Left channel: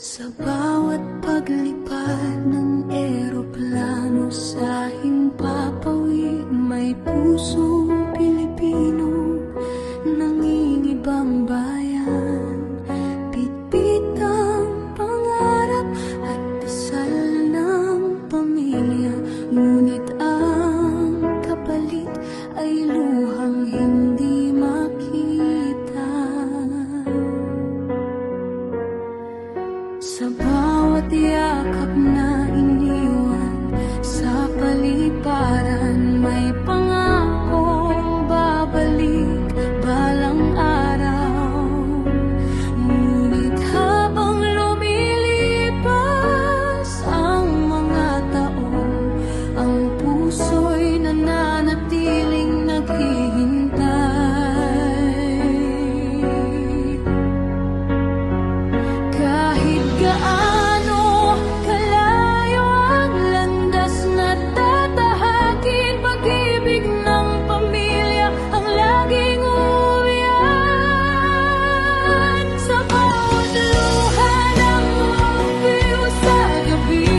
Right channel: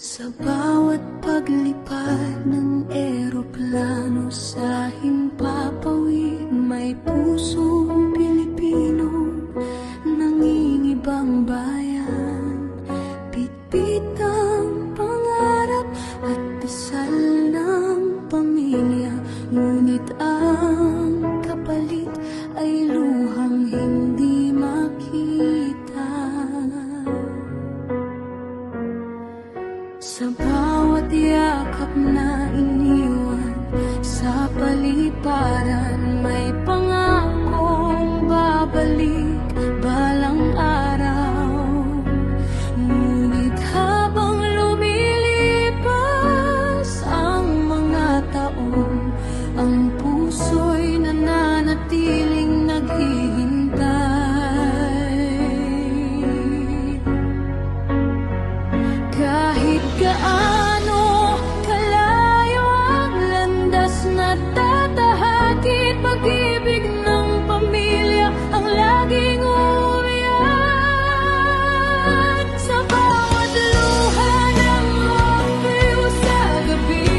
Sa bawat paglipad ng eroplano sa himpapawid, may pusong Pilipino, nangingibang bayan. Bitbit ang pangarap at dasal ng pamilya, ngunit ang kapalit ay luhang hindi makita. Sa bawat yakap na iniwan sa paliparan, may pangakong babalik balang araw. Ngunit habang lumilipas ang mga taon, ang puso'y nananatiling naghihintay. Kahit gaano kalayo ang landas na tatahakin, pag-ibig ng pamilya ang laging uuwian. Sa bawat luha ng opio sa gabi,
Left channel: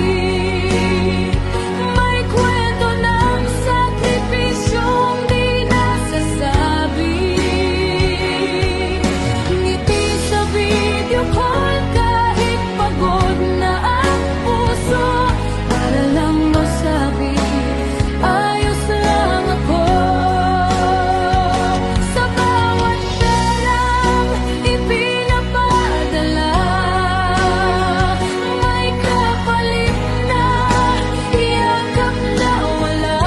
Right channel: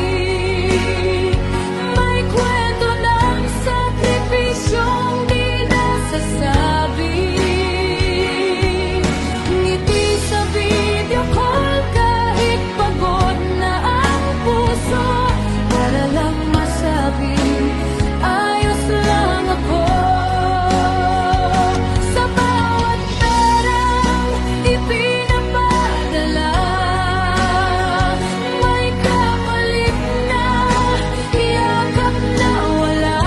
may kwento ng sakripisyong di nasasabi. Ngiti sa video call, masabi, ayos lang ako. Sa bawat perang ipinapadala, may kapalit na yakap na wala.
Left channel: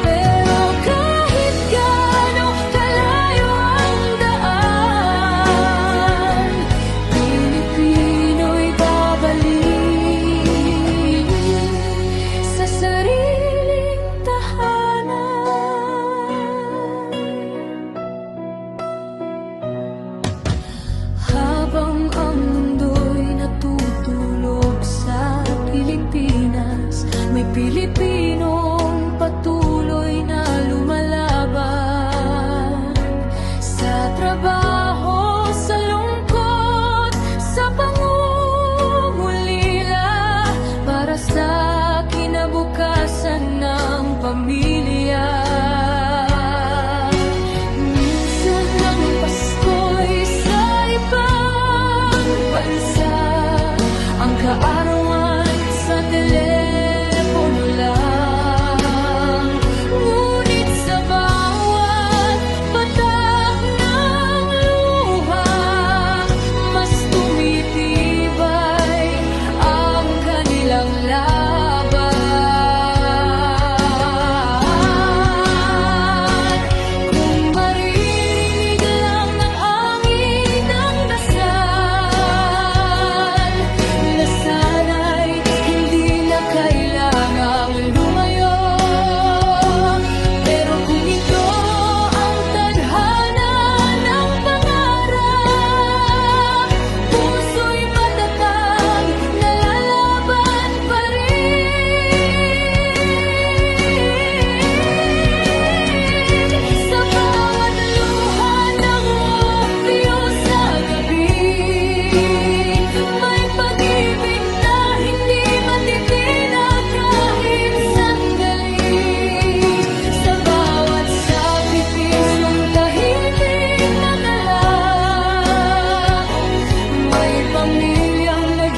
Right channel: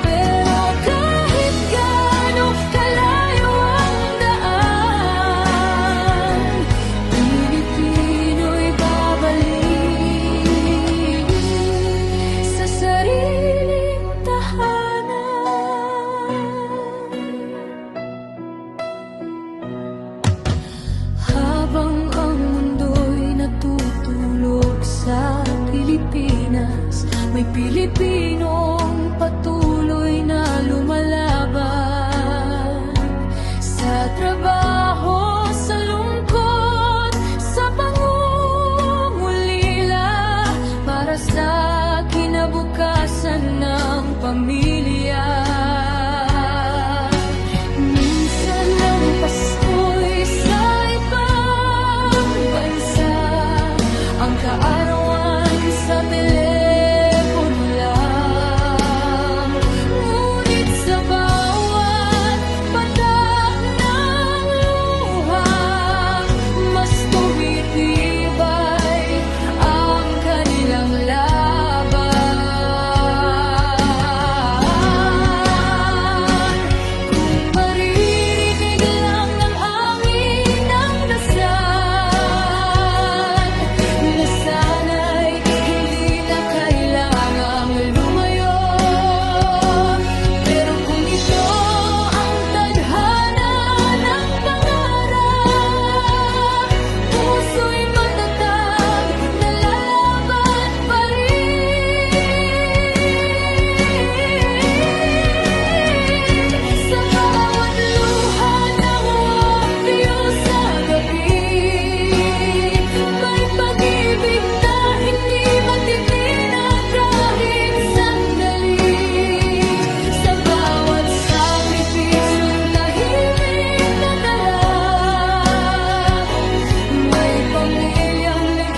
Pero kahit gaano kalayo ang daan, Pilipino'y babalik sa sariling tahanan. Habang ang mundo'y natutulog sa Pilipinas, may Pilipinong patuloy na lumalaban. Sa trabaho, sa lungkot, sa pangungulila, para sa kinabukasan ng pamilya. Minsan ang Pasko'y sa ibang bansa, ang kaarawan sa telepono lang. Ngunit sa bawat patak ng luha, mas tumitibay ang kanilang laban. Kung maririnig lang ang angin ng dasal, na sana'y hindi na kailangang lumayo. Pero kung ito ang tadhana ng pangarap, puso'y matatag, nalalaban pa rin. Sa bawat luha ng opio sa gabi, may pag-ibig na hindi matitinag kahit sandali. Sa bawat sakripisyong tahimik na dala, may pamilyang nag